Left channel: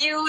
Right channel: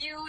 You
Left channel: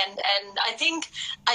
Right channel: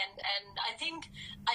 and I think I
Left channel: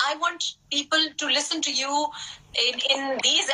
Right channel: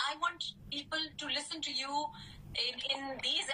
I want people to listen to you in these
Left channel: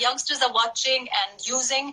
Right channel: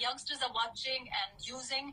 youngsters are watching and using,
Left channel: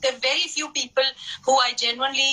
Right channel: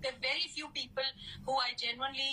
there are very few people who I genuinely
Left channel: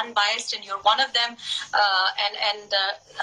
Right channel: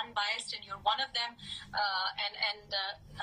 unbiased, and you're one of them, and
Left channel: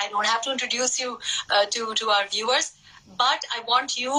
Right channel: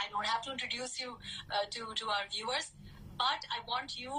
I don't have to introduce you to our viewers, but I want you,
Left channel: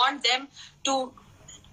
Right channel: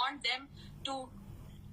want them to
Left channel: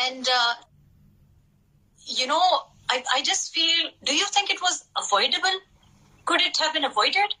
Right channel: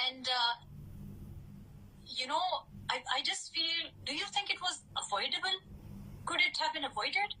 and I just feel, do you think it was avoidable? Could it have been avoided?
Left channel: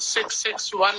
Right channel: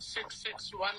661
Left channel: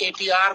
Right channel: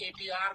ATR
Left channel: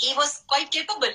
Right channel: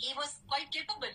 he was quite capable,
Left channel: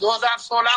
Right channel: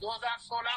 2016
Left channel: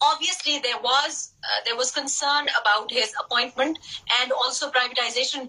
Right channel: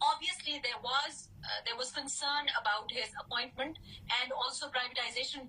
obviously there was concern about his appointment and also privatization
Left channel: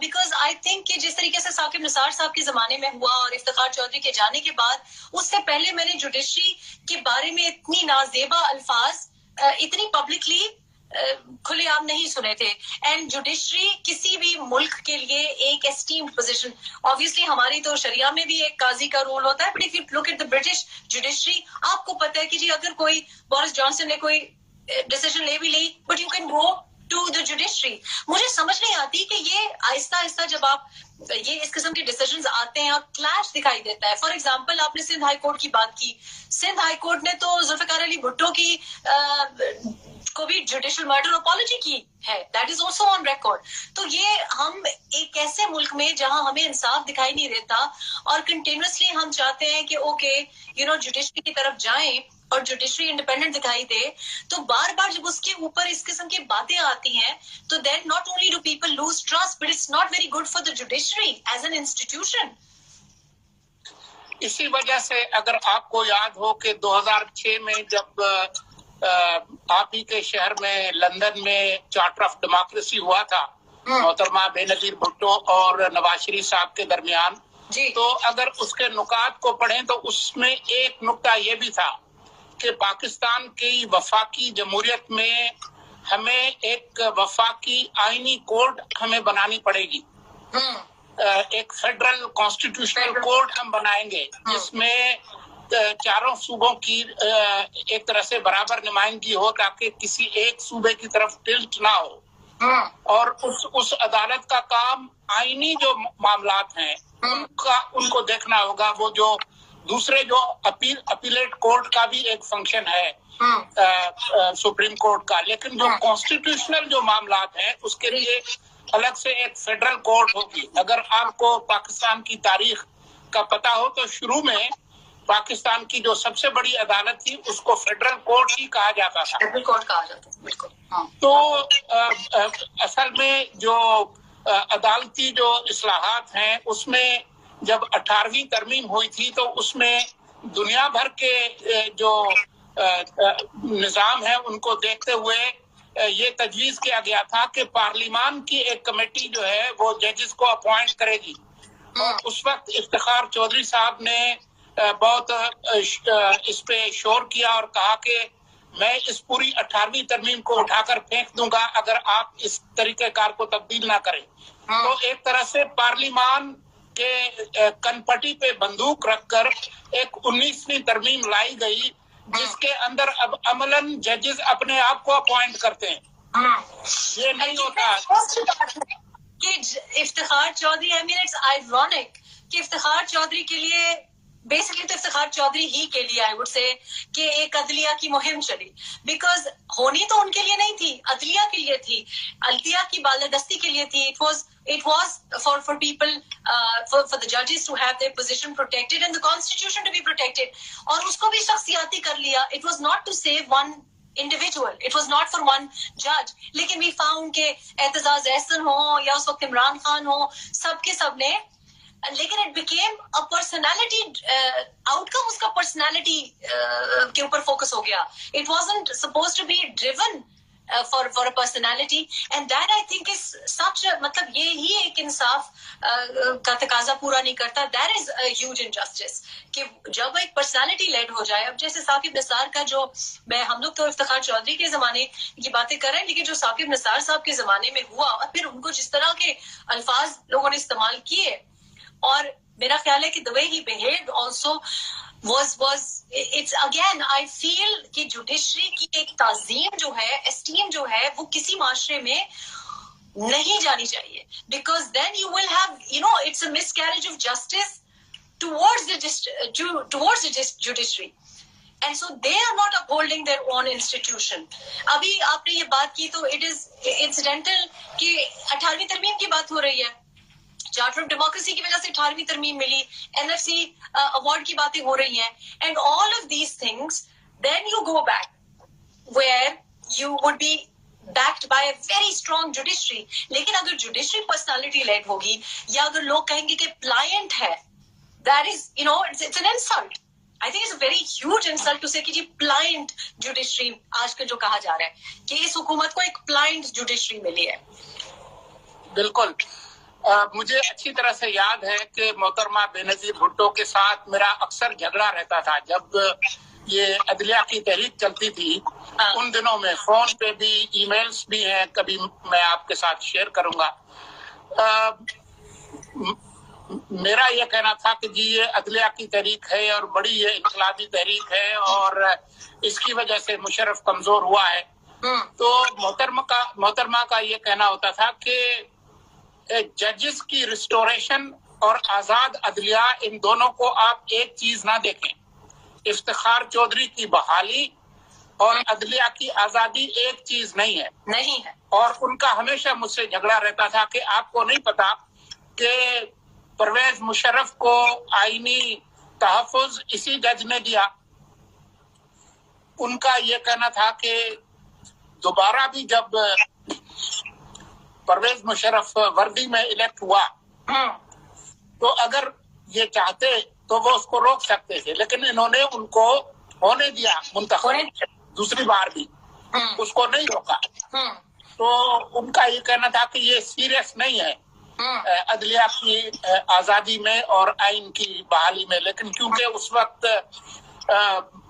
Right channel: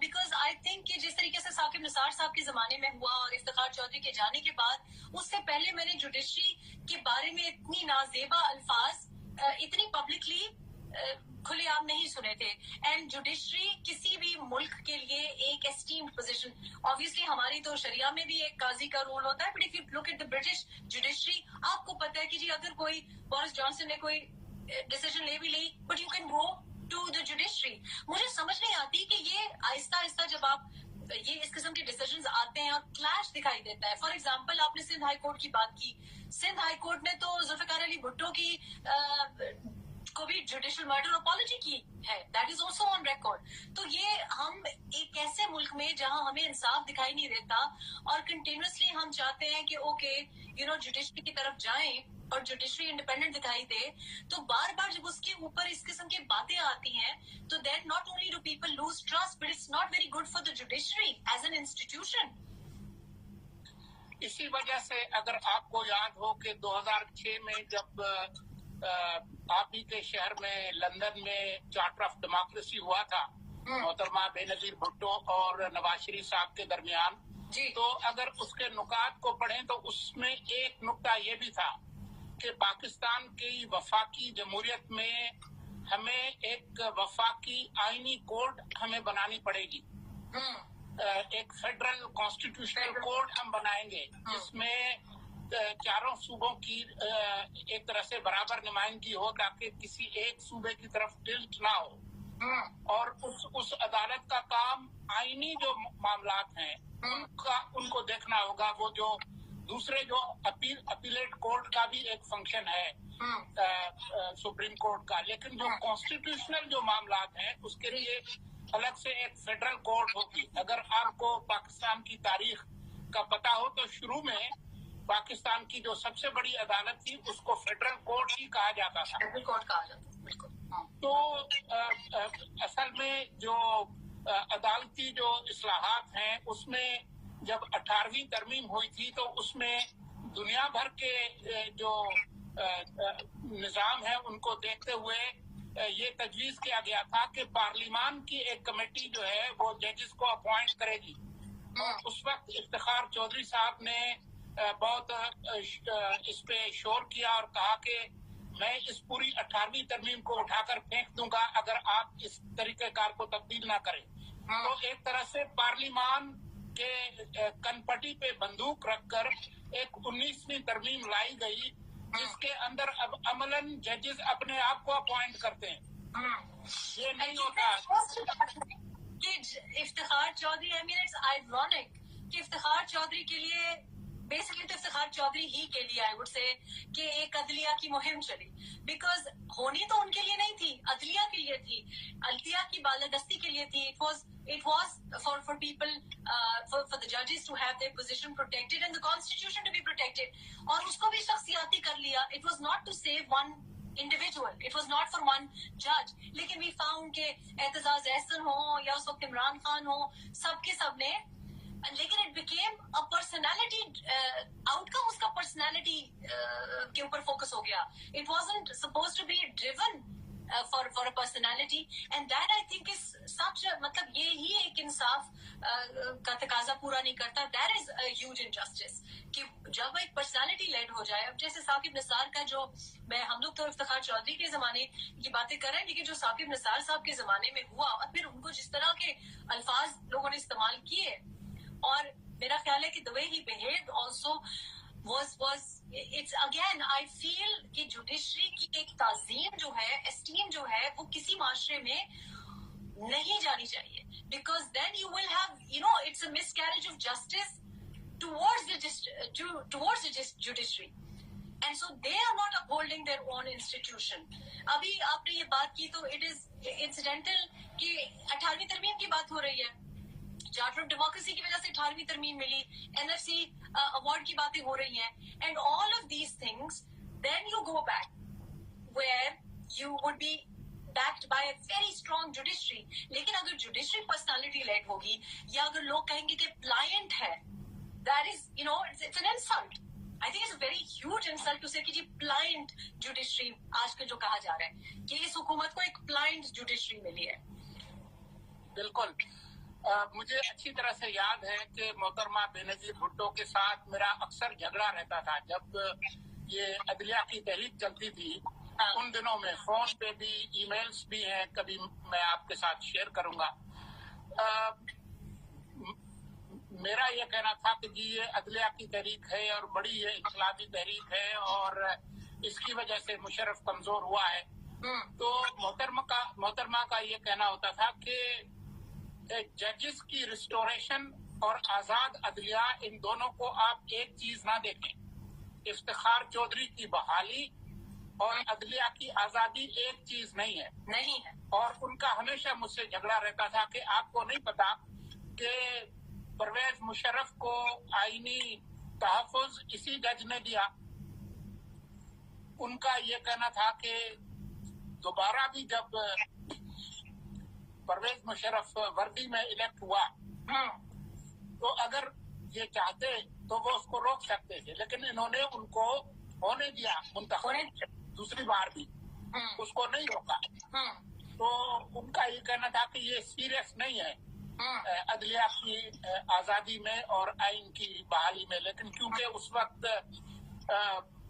because I think کہ جس طریقے سے ثاقب نثار صاحب کے زمانے میں ہوا اور افتخار چودھری کے جانے کے بعد اس سے پہلے میں نے جوڈیشری کے بارے میں اتنی نازیبا الفاظ اتنی پبلکلی کھلے عام نہیں سنے تھے. اینڈ جوڈیشری کسی بھی ملک کے لیے ایک اسٹیمڈ پوزیشن, obviously ہماری تو شریعہ میں بھی ایک قاضی کا رول ہوتا ہے, but if you look at the British judiciary, آپ کو پتہ ہے کہ جی اگر کوئی بورس جانسن نے کوئی ڈیسیژن لے بھی لی, but you can go to the judiciary. مجھے سمجھ نہیں آتی کہ یہ آہستہ آہستہ جب آپ یہ اس قسم کے ڈیسیژنز آتے ہیں اور کلیش دکھائی دیتا ہے. فار ایگزامپل آپ نے سندھ ہائی کورٹ کی بات کی, سندھ ہائی کورٹ نے تو ذوالفقار علی بھٹو کی کو بھی جوڈیشل مرڈر اپالوجی کی ہے, that is also on record. تو یہ ہم ایک ایسے ملک میں جہاں ہمیں انصاف دکھائی نہیں دیتا اور کنٹینیوسلی ہم چاہتے ہیں کہ اوکے یو نو جوڈیشری کی طرف جائیں اور جوڈیشری انڈیپینڈنٹ دکھائی دے, تو بار بار جب اس کے اوپر اس قسم کی باتیں آتی ہیں تو then not only do people lose trust, but it's not very good for the judiciary as an institution. اسی وجہ سے اگر آپ کو یاد ہو کہ 2006 میں جب آپ ہی کے شہر میں لندن میں چارٹر آف ڈیموکریسی ہوا تھا محترمہ بے نظیر بھٹو اور نواز شریف صاحب کے درمیان, تو اگر اس کے نکات کو پڑھیں تو اس میں ایک نکتہ یہ بھی تھا کہ پاکستان کی وفاقی جمہوریت میں ہمیں ایک وفاقی آئینی کوڈ ہمیں بنانی پڑے گی, ایک فیڈرل کانسٹیٹیوشنل کوڈ ہم بنائیں گے جس میں چاروں صوبوں کی ایک طرح سے برابر نمائندگی ہو تاکہ کسی ایک صوبے کی طرف ٹلٹ نہ ہو. اور اس عدالت کا کام آئینی جو معاملات ہیں ان کو دیکھنا ہوگا. وہ جو دوسرے جو اپیلیٹ کورٹ کا بھی ایک فنکشن ہے سپریم کورٹ کا, لیکن جو کانسٹیٹیوشنل جو معاملات ہیں اس کے لیے الگ سے ایک فیڈرل کورٹ ہوگی. اگر آپ کو پاکستان کی تاریخ کا پتہ ہو تو شروع میں پاکستان کی جو سب سے بڑی عدالت تھی اس کو فیڈرل کورٹ ہی کہا جاتا تھا. فیڈرل کورٹ کہا جاتا تھا, بالکل. تو اصل میں جو عدالتی جو اصلاحات ہیں اس میں جب 18ویں ترمیم ہوئی تھی تو اس میں دنیا بھر کے جو نظام ہے ان کو دیکھتے ہوئے یہ تجویز کیا گیا تھا کہ پارلیمان کی ایک کمیٹی جو ہے وہ ججز کو اپوائنٹ کرے گی. اور اس وقت افتخار چودھری صاحب نے بہت اس پہ شور کیا اور کہا کہ میں اس پوری 18ویں ترمیم کو اٹھا کر پھینک دوں گا اگر آپ اس طریقہ کار کو تبدیل نہ کریں. تو ایک طرح سے پارلیمان کے کنپٹی پہ بندوق رکھ کر ایک 19ویں ترمیم لائی گئی جس کے اندر اب عملاً ججز اپنے آپ کو اپوائنٹ کرتے ہیں. یہ نہیں ہوتا کہ Iftikhar Chaudhry, I mean it's ironic کہ افتخار چودھری کے لیے بیسکلی تو افتخار چودھری ہی کے لیے آئی وڈ سے کہ ایک عدلیہ کی مہم چلی, بیکاز ہونی تو ان کے لیے نہیں تھی, عدلیہ کے لیے تھی, عدلیہ کی بالادستی کے لیے تھی. It was for people for the judges to have their position protected and the constitution to be protected. اور اس کو بھی شخصیاتی کر لیا. It was not to save one individual, it was not for one judge. لیکن we found کہ اعتزاز احسن ہو یا اس وقت عمران خان ہو, سب کے سب نے, لیکن it became a personality outcome, اس کا personality کے اوپر فوکس ہو گیا. It wasn't supposed to be driven for a personality, and that I think is such a, مطلب یہ ہی ایک انصاف کا تقاضا پورا نہیں کرتا. That is a huge injustice کہ جب ایک personality led ہو جائے. اب جیسے ثاقب نثار کا جو, ہم لوگ تو افتخار چودھری کے زمانے کی باتیں کر رہے ہیں, لیکن جو ثاقب نثار صاحب کے زمانے میں ہوا اور پھر ان کو جس طرح کے الفاظ لوگوں نے استعمال کیے, اور میرا خیال ہے کہ the way he behaved also was it's again I feel کہ جوڈیشری کی ایک تعظیم جو ہے, اسٹیم جو ہے, وہ کسی معاشرے میں نہیں جانی چاہیے, because then you will have, you know, it's a miscarriage of justice towards the judiciary, and so they are not upholding their own institution. ابھی آپ نے یہ بات کی تو it is incidental کہ 18ویں ترمیم کی بات ہو رہی ہے, چارٹر آف ڈیموکریسی کی وجہ سے 18ویں ترمیم ملی, NFC اوارڈ کی باتیں ہو رہی ہیں, and all of these things, then you go back where you would be backed by a very strong judiciary. لیکن اگر جوڈیشری پرسنالٹی لیڈ ہوگی یا اگر لوگ کہیں گے کہ پلائنٹ ہے, that is, you know, it's an insult. I think it's a very huge insult to say کہ جی پلائنٹ جوڈیشری آج کل جو کہا جا رہا ہے کہ اس حکومت کو ایک پلائنٹ جوڈیشری ملی ہے. بالکل. مجھے اچھی طرح سے یاد ہے کہ محترمہ بینظیر بھٹو کے ساتھ میرا اکثر جھگڑا رہتا تھا جب یہ عدلیہ کی تحریک چلتی تھی. ان دنوں میں فون پہ بھی ای میلز بھی ہیں, کبھی میں آپ کے ساتھ شیئر کروں گا. میرا یہ کہنا تھا کہ جی یہ عدلیہ کی تحریک ہے اور بڑی یہ انقلابی تحریک ہے اور اس کی وجہ سے مشرف کمزور ہوا ہے. تو محترمہ کا یہ کہنا ہوتا تھا کہ ججز کی ریسٹوریشن اور آزاد عدلیہ, ان دونوں کو آپ ایک چیز نہ دیکھیں. افتخار چودھری کی بحالی اور عدلیہ کی آزادی ایک چیز نہیں ہے. اور ان کا ہمیشہ مجھ سے جھگڑا رہتا تھا کہ آپ کو نہیں پتا کہ پرویز مشرف کو آئینی تحفظ اسی جج نے دیا. ان کا یہ کہنا تھا کہ دوبارہ بھی جب پرویز مشرف وردی میں الیکٹ ہوا تو اگر یہ چاہتے تو وہ اس کو روک سکتے تھے, لیکن انہوں نے ان کو ہونے دیا منتخب دوسری بار بھی, اس کو نہیں روکا. تو ان کا یہ کہنا تھا کہ یہ سیریس نہیں ہے عدلیہ کی آزادی میں اور آئین کی بحالی میں, لیکن کیونکہ اس وقت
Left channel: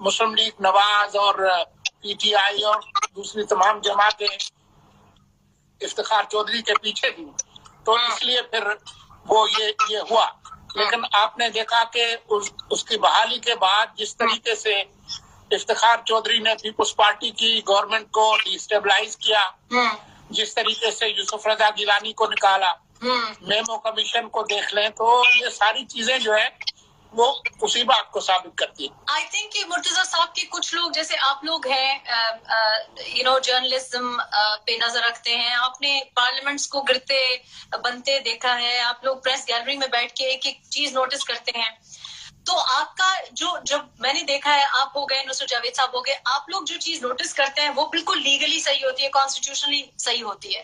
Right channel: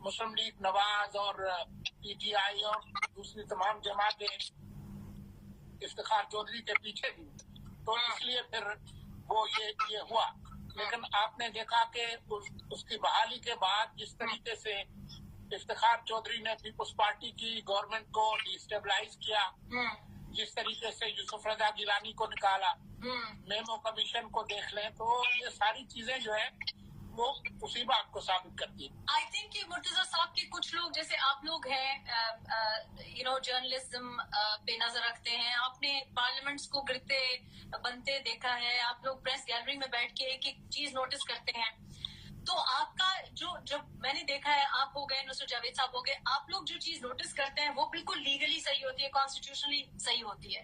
مسلم لیگ نواز اور پی ٹی آئی اور دوسری تمام جماعتیں افتخار چودھری کے پیچھے تھی تو اس لیے پھر وہ یہ ہوا. لیکن آپ نے دیکھا کہ اس کی بحالی کے بعد جس طریقے سے افتخار چودھری نے پیپلز پارٹی کی گورنمنٹ کو ڈی اسٹیبلائز کیا, جس طریقے سے یوسف رضا گیلانی کو نکالا, میمو کمیشن کو دیکھ لیں, تو یہ ساری چیزیں جو ہے وہ اسی بات کو ثابت کرتی ہے. آئی تھنک کہ مرتضیٰ صاحب کے کچھ لوگ جیسے آپ لوگ ہیں جرنلزم پہ نظر رکھتے ہیں, آپ نے پارلیمنٹس کو گرتے بنتے دیکھا ہے, آپ لوگ پریس گیلری میں بیٹھ کے ایک ایک چیز نوٹس کرتے ہیں. تو آپ کا جب میں نے دیکھا ہے, آپ ہو گئے نصرت جاوید صاحب ہو گئے, آپ لوگ جو چیز نوٹس کرتے ہیں وہ بالکل لیگلی صحیح ہوتی ہے, کانسٹیٹیوشنلی صحیح ہوتی ہے.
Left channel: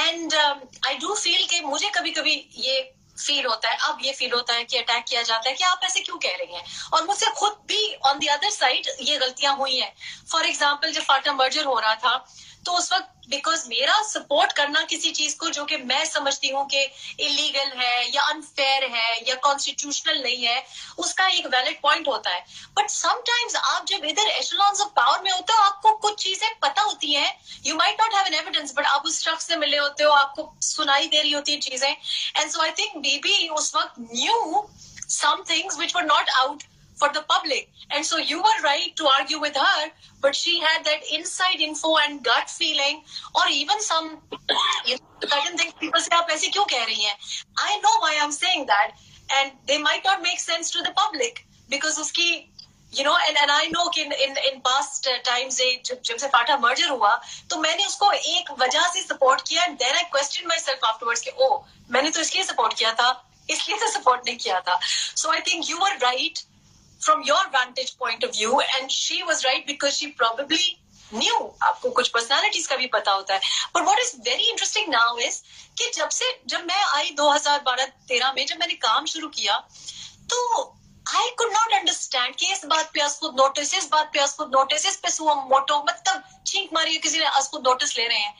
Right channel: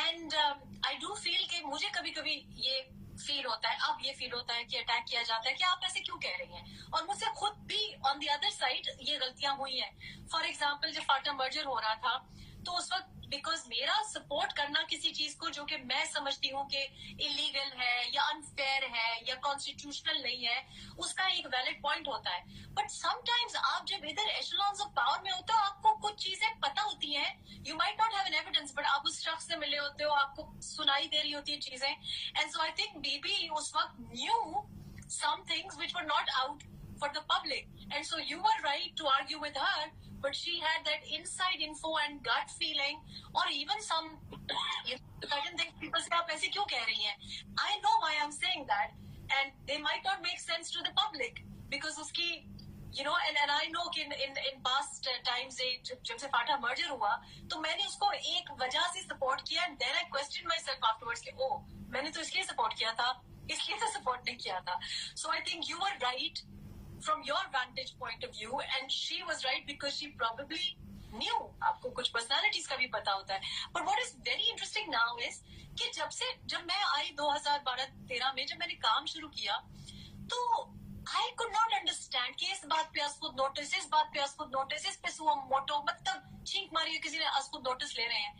اینڈ آئی ڈو فیل کہ مجھے کبھی کبھی یہ فیل ہوتا ہے, اب یہ فیل ہوتا ہے کہ اٹیک کیا جاتا ہے کہ آپ ایسے کیوں کہہ رہی ہیں, اور مجھ سے خود بھی آن دی ادر سائڈ یہ غلطیاں ہوئی ہیں. فار ایگزامپل جب فاٹا مرجر ہو رہا تھا تو اس وقت بیکاز میرا سپورٹ کرنا کسی چیز کو جو کہ میں سمجھتی ہوں کہ انلیگل ہے یا انفیئر ہے یا کانسٹیٹیوشنل نہیں ہے, اس کا ایک ویلڈ پوائنٹ ہوتا ہے. بٹ سم ٹائمز آپ جب ادھر ایشلونز آف پاور میں ہوتے ہو, آپ کو کچھ چیزیں پتہ ہوتی ہیں, you might not have an evidence, but آپ اس شخص سے ملے ہوتے ہو, آپ کو سنائی دے رہی ہوتی ہیں چیزیں. اینڈ سو آئی تھنک بی بی اس وقت knew some things which were not out for the public, and so you were right to argue with her, but she had that inside info and gut feeling, or even some certain things people say aap aise kyun keh rahi hain. I know why I'm saying that, and they might not make sense to the public because uski and I know کہ in past times جب سے FATA merger ہوا تو میں نے اس کو ایک وجہ سے سپورٹ کیا, and then I questioned myself afterwards کہ میں نے تو اس لیے سپورٹ کیا تھا, اس لیے تو سپورٹ نہیں کیا تھا. So I think you were right from your vantage point of view, and she was right because she probably knew. آپ کو کچھ پرسنالٹیز کا بھی پتا ہوتا ہے. But what is very interesting now is کہ جب میں آئی 2012-13 میں جب میں نے کام شروع کیا تو I could not understand کہ اس بات پہ اسخود نوٹس, اس بات پہ اسخود نوٹس, اس پہ سو موٹو, مطلب چھینک ماری کسی نے اسخود نوٹس لے رہے ہیں.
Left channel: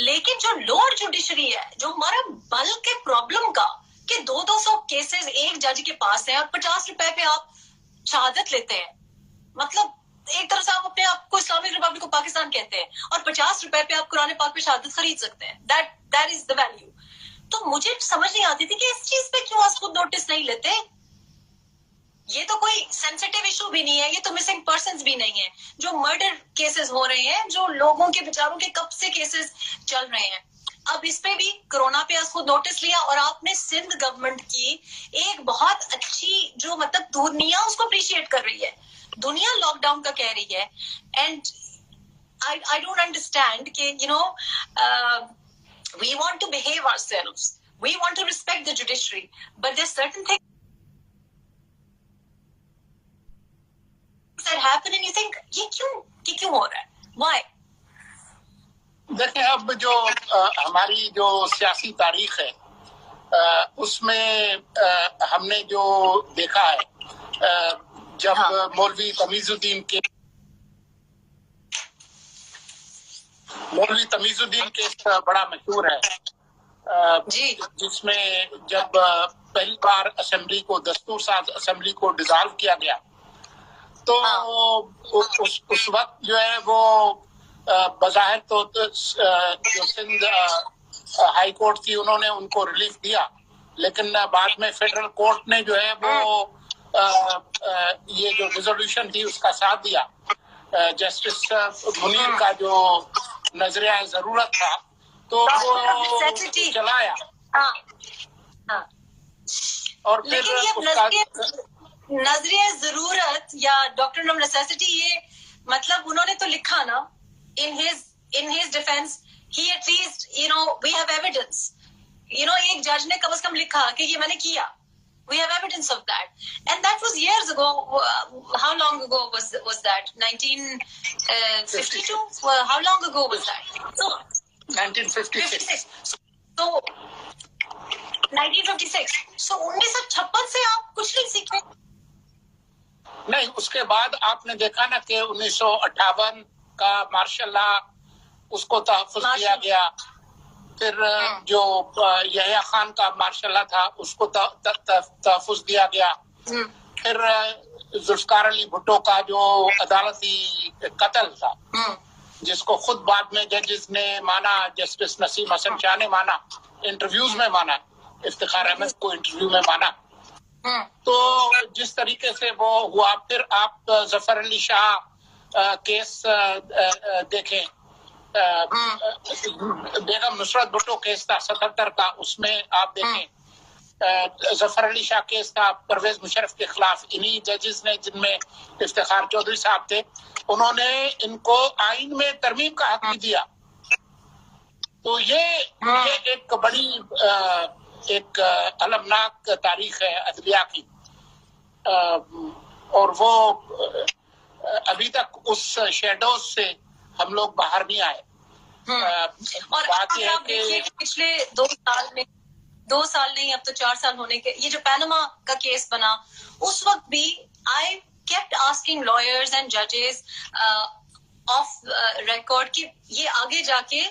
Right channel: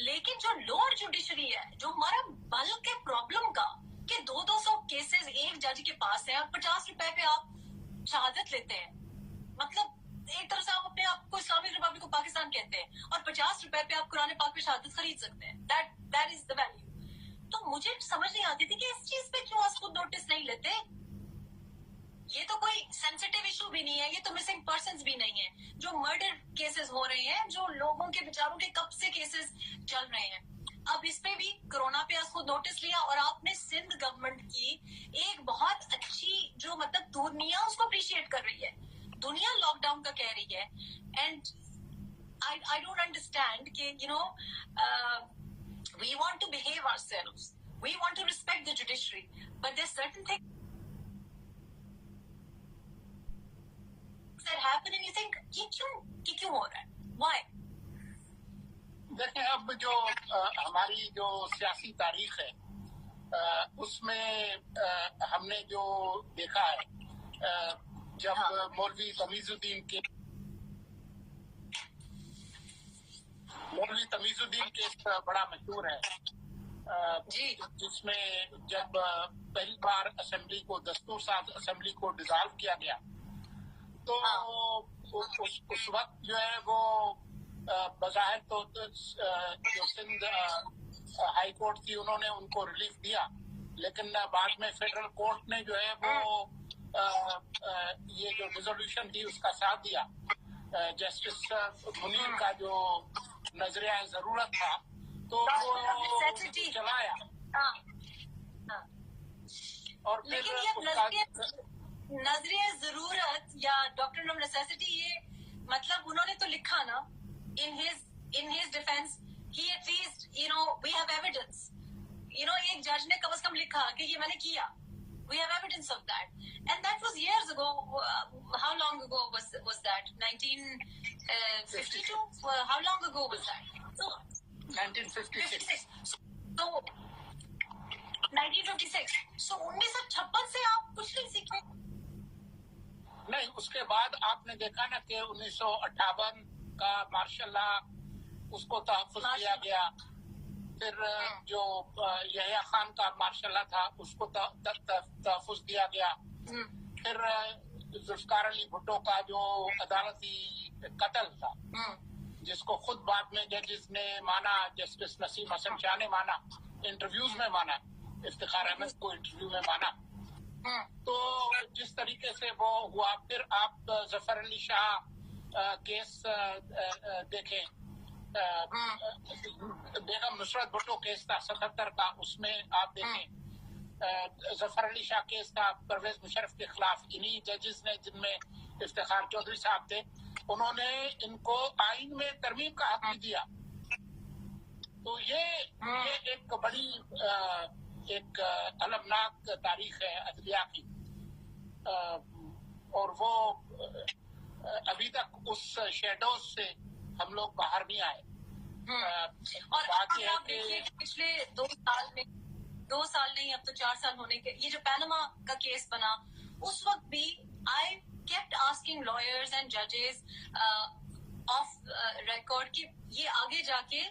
لیکن جو لوور جوڈیشری ہے, جو ہمارا بلک کے پرابلم کا کہ 200 کیسز ایک جج کے پاس ہیں اور 50 روپے پہ آپ شہادت لیتے ہیں, مطلب ایک طرح سے آپ اپنے آپ کو اسلامک ریپبلک آف پاکستان کہتے ہیں اور 50 روپے پہ آپ قرآن پاک پہ شہادت خرید سکتے ہیں. That is the value. تو مجھے سمجھ نہیں آتی تھی کہ اس چیز پہ کیوں اسخود نوٹس نہیں لیتے. یہ تو کوئی سینسیٹیو ایشو بھی نہیں ہے, یہ تو مسنگ پرسنز بھی نہیں ہے, جو مرڈر کیسز ہو رہے ہیں, جو لوگوں کے بیچاروں کے کب سے کیسز چل رہے ہیں. اب اس پہ بھی کرونا پہ اس کو نوٹس لیا, اور آپ نے سندھ گورنمنٹ کی ایک بہت اچھی جو مطلب دنیا اس کو اپریشیٹ کر رہی ہے, دنیا لاک ڈاؤن کا کہہ رہی ہے. اینڈ I don't understand کہ we want to behave ourselves, we want to respect the judiciary, but there's certain things that happen and you think یہ کیوں ہو رہا ہے, why? دیکھیں, اب جو ہماری جو سیاسی تاریخ ہے اس میں ہم نے جو دیکھا ہے, جب مولوی تمیز الدین کیس بڑا مشہور ہے, جی جس میں جب پہلی بار اسمبلی کو دستور ساز اسمبلی کو ڈیزالو کیا گیا تو اس وقت جو ہے وہ بظاہر تو جو سندھ ہائی کورٹ تھی انہوں نے ان کو ریلیف دیا، لیکن بعد میں فیڈرل کورٹ نے جو ہے وہ یہ جو ریزولوشن تھی اس کا ساتھ دیا. جسٹس منیر کا جو نظریہ ضرورت تھا تو وہ چلایا، اور پھر نظریہ ضرورت یا ڈاکٹرن آف نیسیسٹی، یہ مطلب انہوں نے تو لکھا نا in his defense he at least we have evidence. ایک جج نے کم از کم لکھا کہ یہ میں نے کیا. We have evidence of that, and that was years ago. How long ago was that? 1952. How long ago was that? So 1956. So 1956. So 1956 سے آپ کچھ نہیں سیکھے؟ نہیں، اس کے بعد آپ نے دیکھا نا کہ 1958 کا مارشل لا اس کو تحفظ دیا گیا، پھر جو یحییٰ خان کا مارشل لا تھا اس کو تحفظ دیا گیا، پھر ذوالفقار علی بھٹو کا جو عدالتی قتل تھا جس کو خود بعد میں ججز نے مانا، جسٹس نسیم حسن شاہ نے مانا، انٹرویوز میں مانا، افتخار احمد کو انٹرویو میں مانا. تو جس طریقے سے وہ ہوا، پھر آپ ظفر علی شاہ کیس دیکھیں، بیگم نصرت بھٹو کیس تھا 77 کا، اس میں آپ دیکھیں ظفر علی شاہ کیس تھا پرویز مشرف کے خلاف. انہی ججز نے جن میں افتخار چودھری صاحب تھے، انہوں نے ان کو آئین میں ترمیم کا حق بھی دیا. تو یہ ایک بڑی ایک المناک تاریخ ہے عدلیہ کی، اور وہ ابھی تک اس شیڈوز سے ہم لوگ باہر نہیں آئے. اور بات یہ ہے کہ پچھلے 2 سال نہیں، اب تو 4 سال ہونے کے، یہ جو پیناما کا کیس بنا اس وقت بھی I kept asking lawyers and judges off record کہ یہ آگے جا کے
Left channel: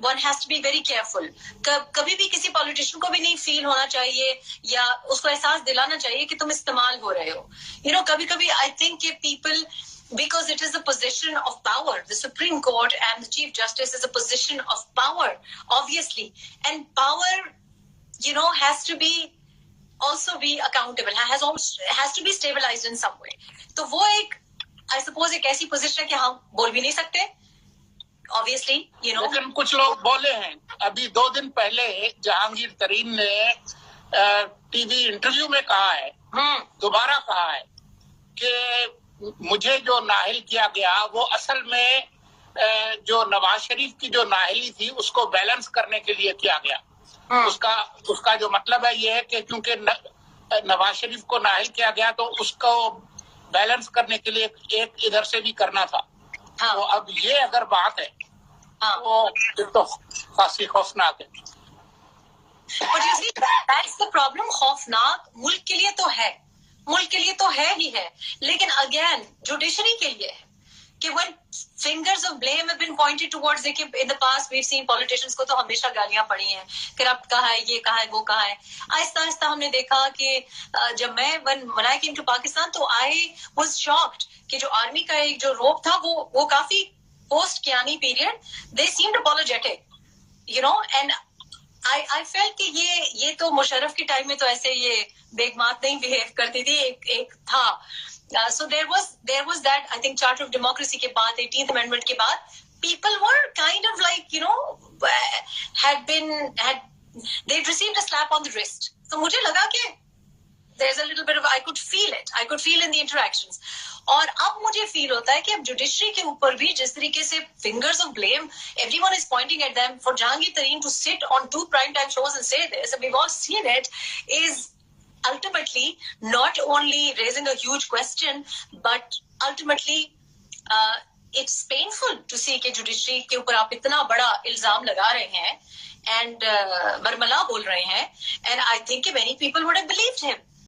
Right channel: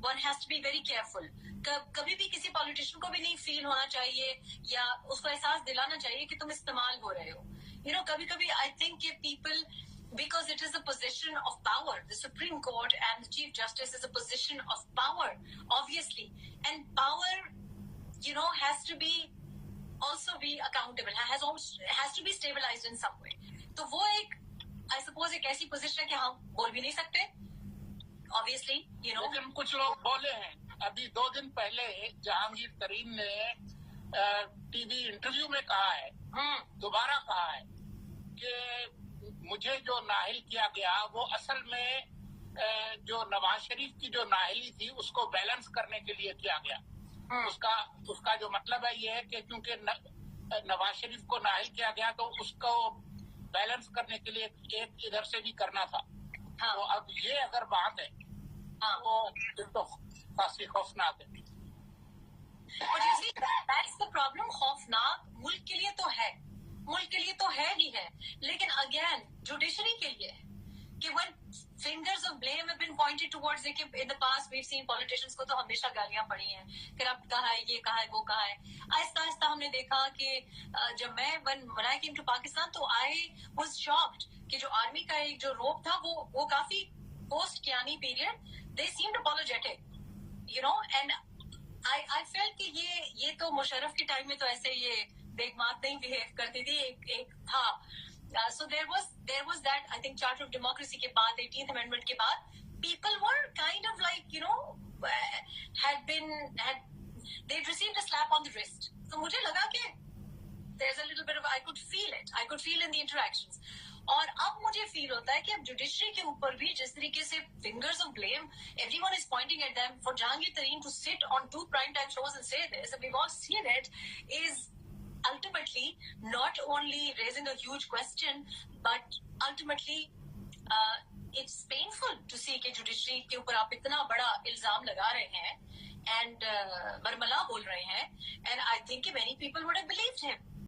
one has to be very careful. کبھی بھی کسی پولیٹیشین کو بھی نہیں فیل ہونا چاہیے یا اس کو احساس دلانا چاہیے کہ تم استعمال ہو رہے ہو. کبھی I think کہ people, because it is a position of power, the Supreme Court and the Chief Justice is a position of power, obviously, and power has to be also be accountable, has to be stabilized in some way. تو وہ ایک I suppose ایک ایسی position ہے کہ ہم بول بھی نہیں سکتے obviously, لیکن کچھ لوگ بولے ہیں. ابھی 2 دن پہلے جہانگیر ترین نے ٹی وی انٹرویو میں کہا ہے، دوبارہ کہا ہے کہ مجھے جو نااہل کیا گیا وہ اصل میں جو نواز شریف کی جو نااہلی تھی اس کو بیلنس کرنے کے لیے کیا گیا. اس کا جو مطلب ہے یہ ہے کہ کیونکہ نواز شریف کو نااہل کیا گیا تو اس کو بیلنس کرنے کے لیے ایک ادھر سے بھی کرنا تھا. تو اب یہ اگر بات ہے تو خاصی خوفناک ہے. But you see, that's the problem. خوفناک ملک کے لیے تو ہے ہی ہے، لیکن اگین جوڈیشری کے لیے کہ when fingers of blame have been pointed towards it, in the past we've seen politicians کو تو ہمیشہ گالیاں پڑی ہیں، کرپٹ کہا ہے، یہ کہا ہے، وہ کہا ہے. آہستہ آہستہ ہم نے دیکھا کہ جب میں when I came to Pakistan تو I was shocked کہ جو آرمی کا ایک جو روپ تھا وہ کافی post Kayani period they seemed apologetic, and I felt کہ یہ تو مشرف کے ٹائم میں تو ایسے یہ بیگمات نہیں بہیو کرتی تھی. ایک تھا so there was that, I think, Charter of Democracy کے بعد 18th Amendment کے بعد people were kind of like they'd received a slap on the wrist. تو مجھے لگا کہ there's a little bit of I could feel in the interactions. اور اب مجھے فیل ہوتا ہے کہ اب جوڈیشری کے اوپر بھی جس طریقے سے fingers of blame, everyone is pointing at them. For Jahangir Tareen to sit on 2 primetime shows and say this, and we've all seen it, is ultimately not only raising a huge question, but ultimately it's painful to see کہ judiciary کے اوپر آپ اتنا بڑا الزام لگا رہے ہیں and برملا بول رہے ہیں, and I think many people would have believed him.